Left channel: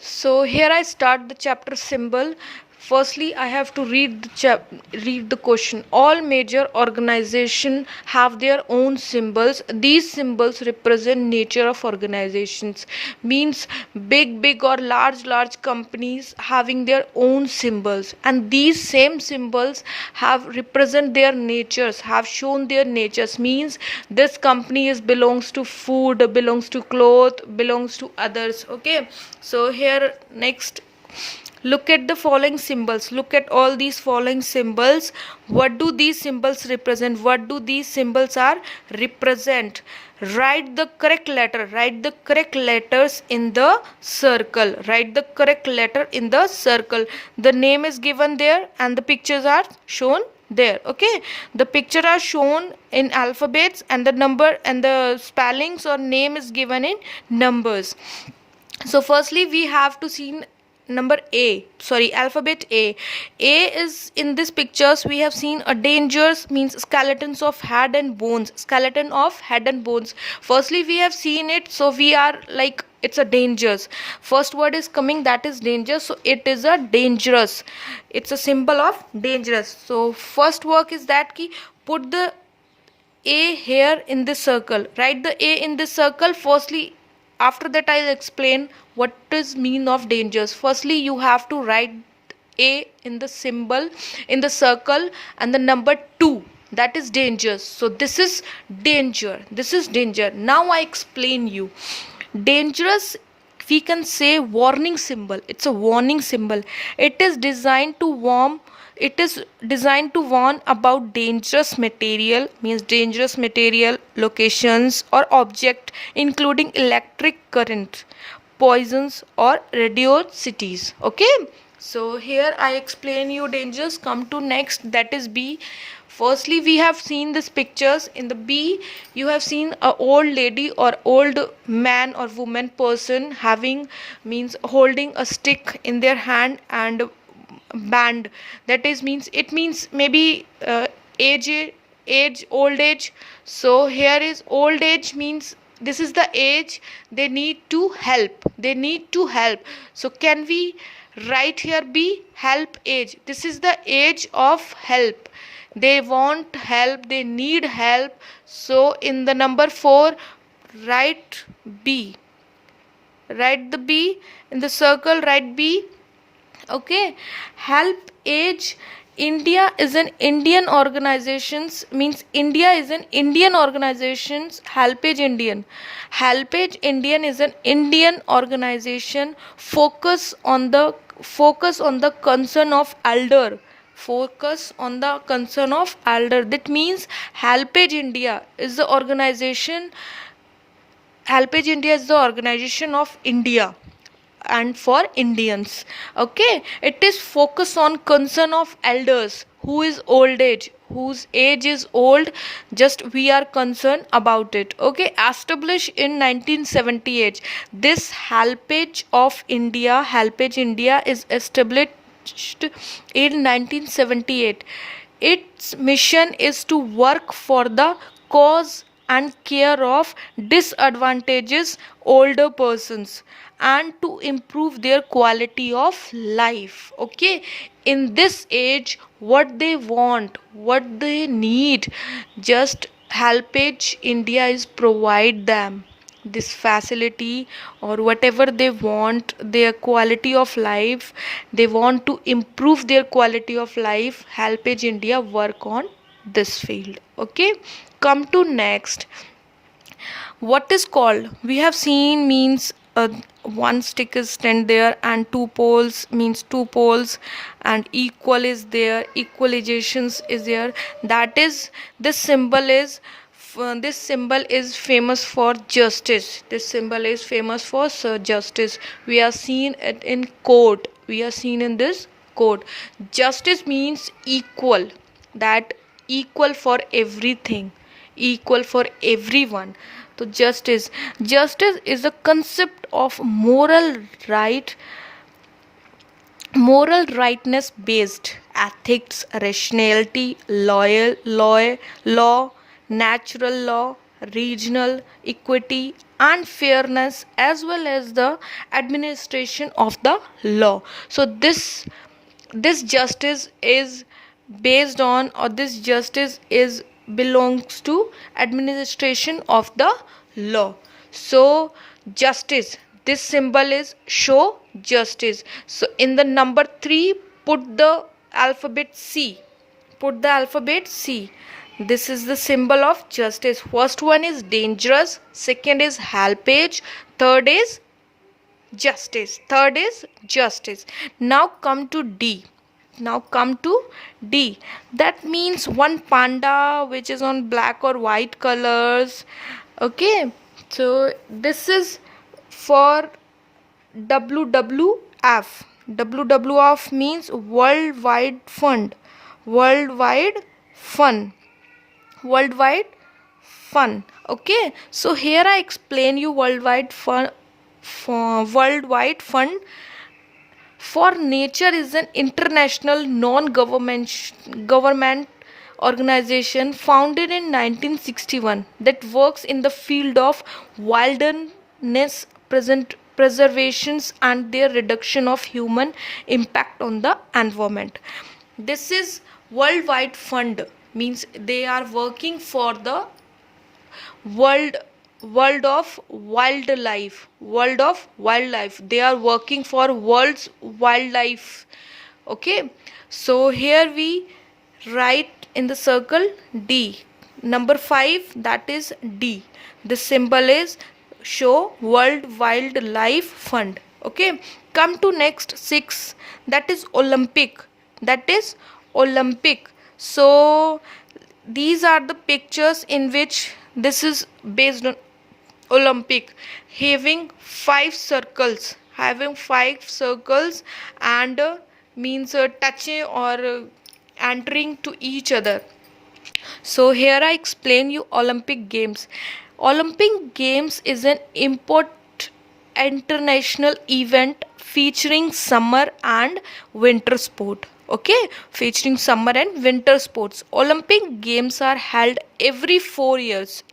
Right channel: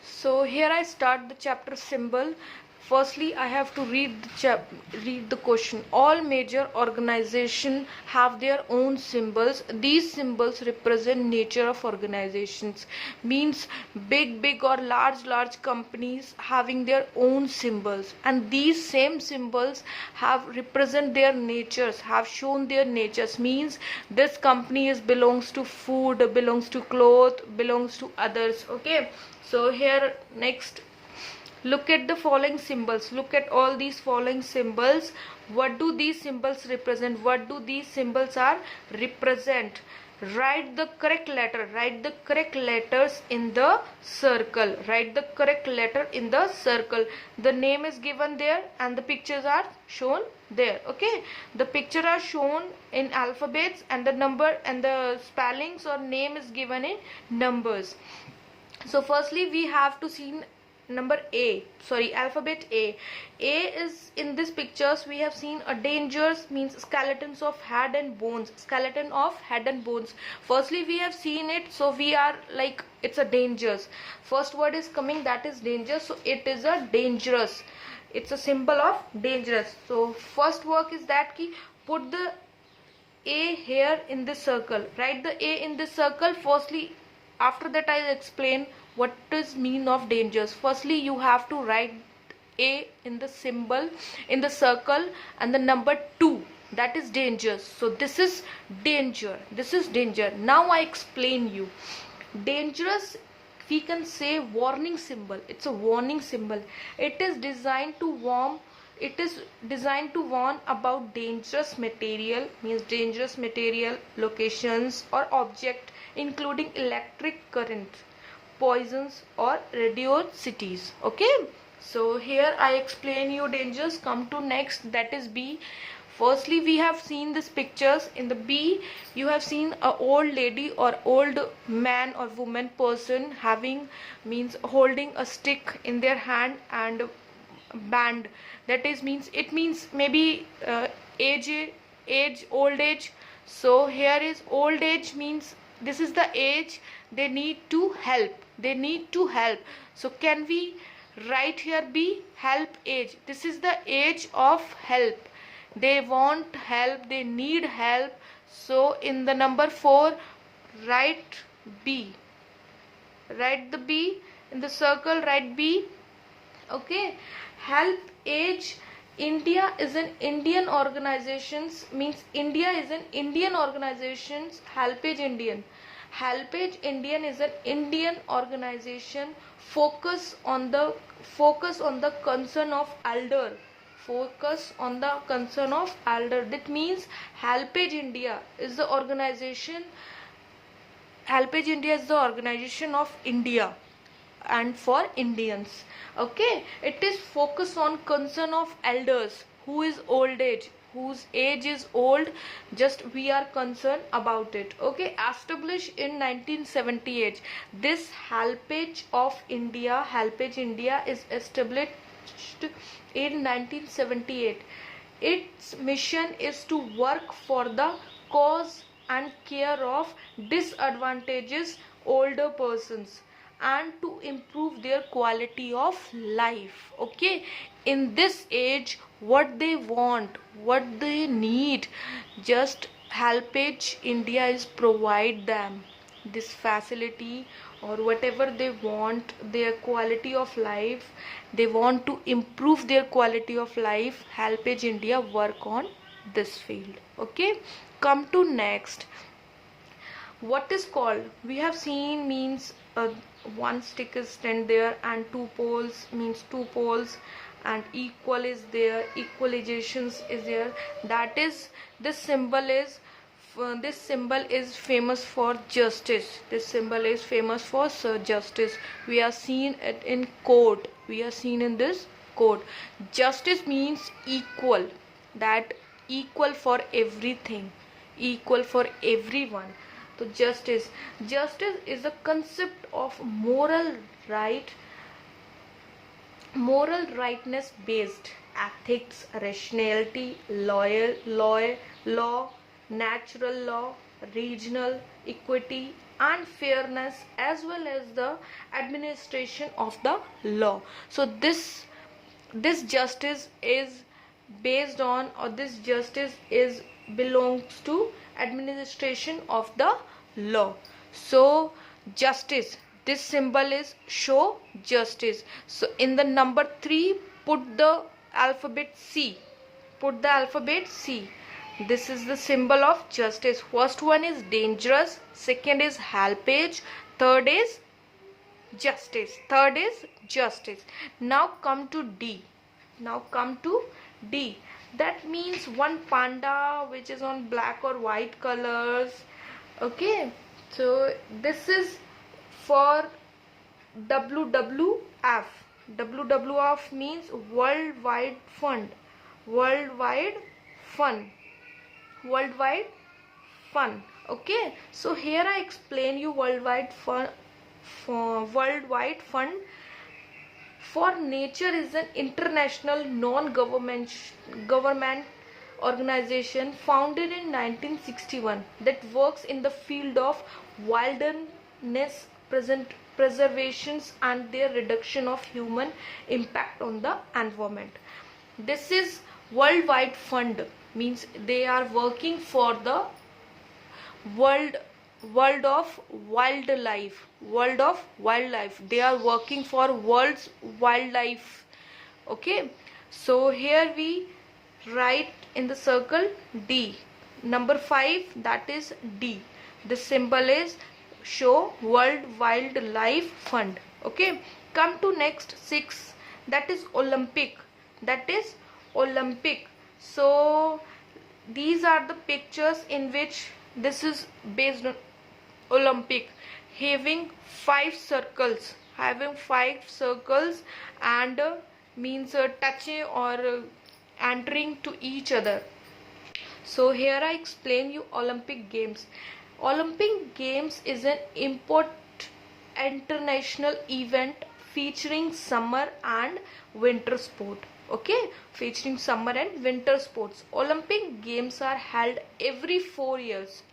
So here I start the chapter symbol. Firstly, I have to read the question. All major organizations have their own symbols. These symbols represent nature of organizations. Means big or large companies having their own symbols, and these same symbols have represent their natures, have shown their natures. Means this company is belongs to food, belongs to cloth, belongs to others. Okay, so here next, look at the following symbols. Look at all these following symbols. What do these symbols represent? What do these symbols are represent? Write the correct letter. Write the correct letters in the circle. Write the correct letter in the circle. The name is given there and the pictures are shown there. Okay, the picture are shown in alphabets and the number and the spellings or name is given in numbers. So firstly we have to see number A, sorry, alphabet A. A is in this pictures we have seen a dangers, means skeletons of head and bones. Skeleton of head and bones. Firstly we have seen it, so we are like it's a dangers. First word is coming, that is dangerous, so it is a dangerous. It's a symbol of dangerous. So first work is that key, put the A here in this circle. Write the A in this circle. Firstly, after that I'll explain what is mean of dangers. Firstly you have to write A in the symbol in the circle and the number 2, that is dangers. So this is danger, this is danger. Now I explain you. Dangerous, we can say warning symbol. It's a warning symbol. It is designed to warn about dangerous material, means dangerous material, locations or object including electric current, poisons or radiosities. Okay, so here I explain you dangers. Come to next, that is B. Firstly we have seen these pictures. In the B you have seen a old lady or old man or woman person having, means holding a stick in their hand and band, that is means it means maybe age old age. So here is old age, means this is the age they need to help, they need to help. So can we write here B, help age? This is the age of help, they want help, they need help. So in the number 4 write B, write the B in the circle, write B. Okay, help age. India is an Indian organizations, means India is an Indian organizations. Helpage Indian, Helpage Indian is an Indian organization. Focus on the concern of elder, focus on the concern of elder. That means Helpage India is the organization, Helpage India is the organization of India and for Indians. Okay, it is focus on concern of elders, who is old age, whose age is old, just we are concerned about it. Okay, established in 1978. This Helpage of India, Helpage India is established in 1978. Its mission is to work for the cause and care of disadvantaged older persons and to improve their quality of life. Okay, in this age what they want, what they need, just Helpage India is provide them this facility or whatever they want, their quality of life, they want to improve their quality of life. Helpage India work on this field. Okay, come to next, what is called, we have seen, means one stick is stand there and two poles, means two poles, and equal is there, equalizations is there. That is, this symbol is this symbol is famous for justice. This symbol is famous for justice. We are seen it in court, we are seen in this court. Justice means equal, that equal for everything, equal for everyone. So justice, justice is a concept of moral right, moral rightness based ethics, rationality, law, natural law, regional equity, and fairness, as well as the administration of the law. So this justice is based on, or this justice is belongs to administration of the law. So justice, this symbol is show justice. So in the number 3, put the alphabet C. Put the alphabet C. This is the symbol of justice. First one is dangerous, second is helpage, third is justice. Third is justice. Now come to D. Now come to D. That means one panda which is on black or white colors. Okay. So this is for WWF. WWF means Worldwide Fund. Worldwide Fun. Worldwide Fun. Okay. So here I explain you Worldwide Fun. Worldwide Fund for Nature is an international non-government organization founded in 1961 that works in the field of wilderness preservations and their reduction of human impact on the environment. This is Worldwide Fund, means they are working for the world of wildlife. They are working for world's wildlife. Okay, so here we write in the circle D. Number 5, that is D. The symbol is show World Wildlife Fund. Okay, come to next 6, that is Olympic. So these are the pictures in which this is based on Olympic, having 5 circles, and means touching or entering to each other. So here I explain you Olympic Games. Olympic Games is an important international event featuring summer and winter sport. Okay, featuring summer and winter sports. Olympic Games are held every 4 years.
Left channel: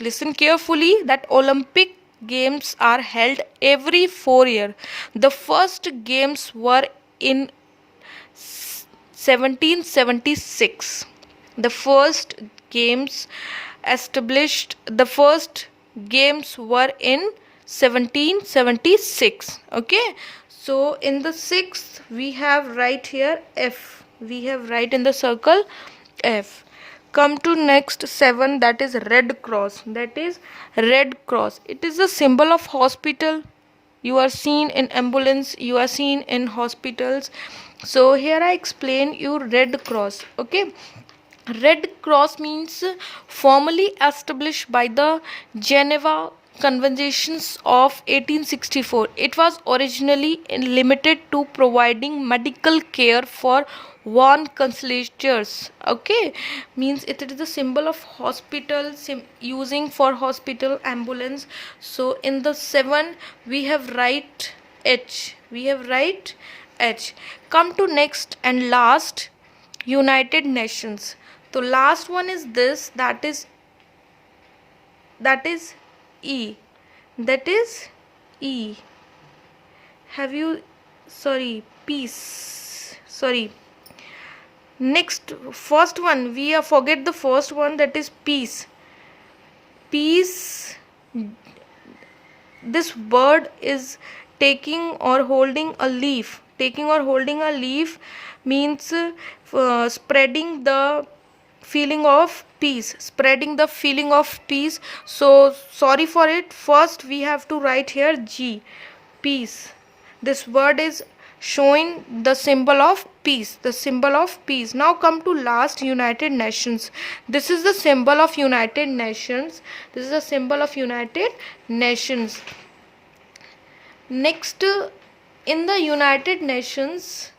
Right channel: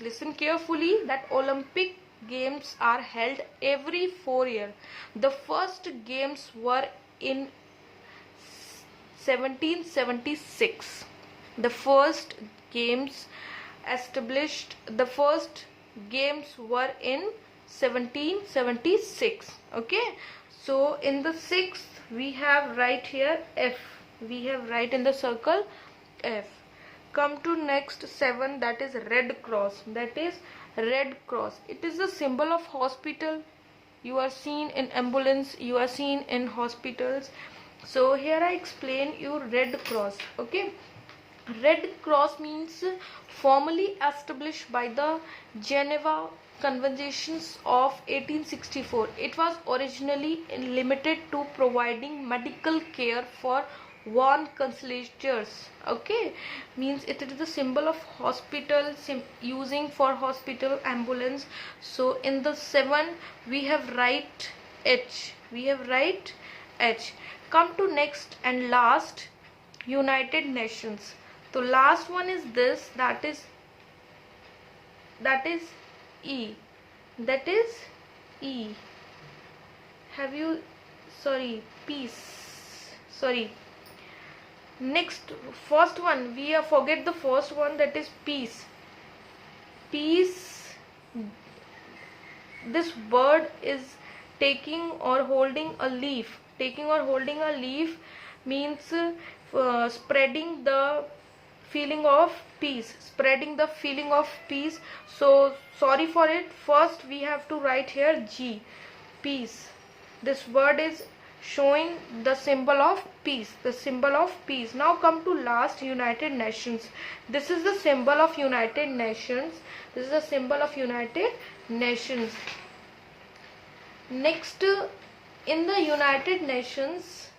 Listen carefully, that Olympic Games are held every 4 years. The first games were in 1776. The first games were in 1776. Okay, so in the 6th we have right here F. We have right in the circle F. Come to next 7, that is Red Cross. It is a symbol of hospital. You are seen in ambulance, you are seen in hospitals. So here I explain you Red Cross. Okay, Red Cross means formally established by the Geneva Conventions of 1864. It was originally limited to providing medical care for worn consolators. Okay, means it is the symbol of hospital, using for hospital, ambulance. So in the 7 we have write H. Come to next and last, United Nations. So last one is this, that is E. Peace. Next, first one, we forget the first one, that is peace. This bird is taking or holding a leaf. Means spreading the feeling of peace. So sorry for it. First we have to write here G. Peace. This word is showing the symbol of peace. Now come to last, United Nations. This is the symbol of United Nations. Next, in the United Nations,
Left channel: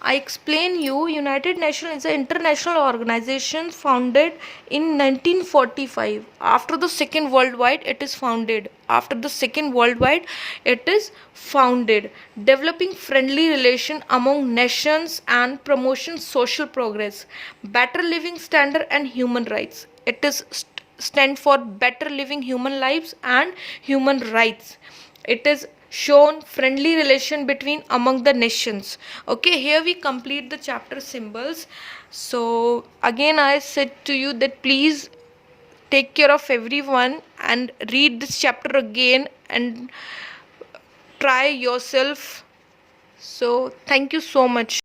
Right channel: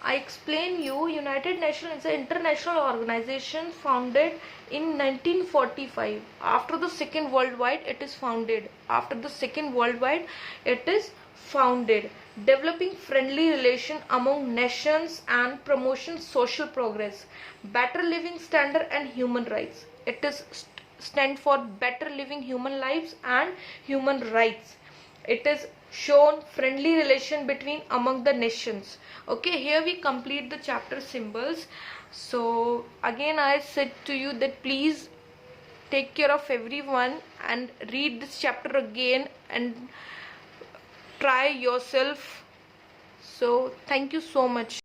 I explain you United Nations is an international organization founded in 1945. After the Second World War, it is founded. Developing friendly relation among nations and promotion social progress, better living standard and human rights. It is stand for better living human lives and human rights. It is shown friendly relation between among the nations. Okay, here we complete the chapter symbols. So again I said to you that please take care of everyone and read this chapter again and try yourself. So thank you so much.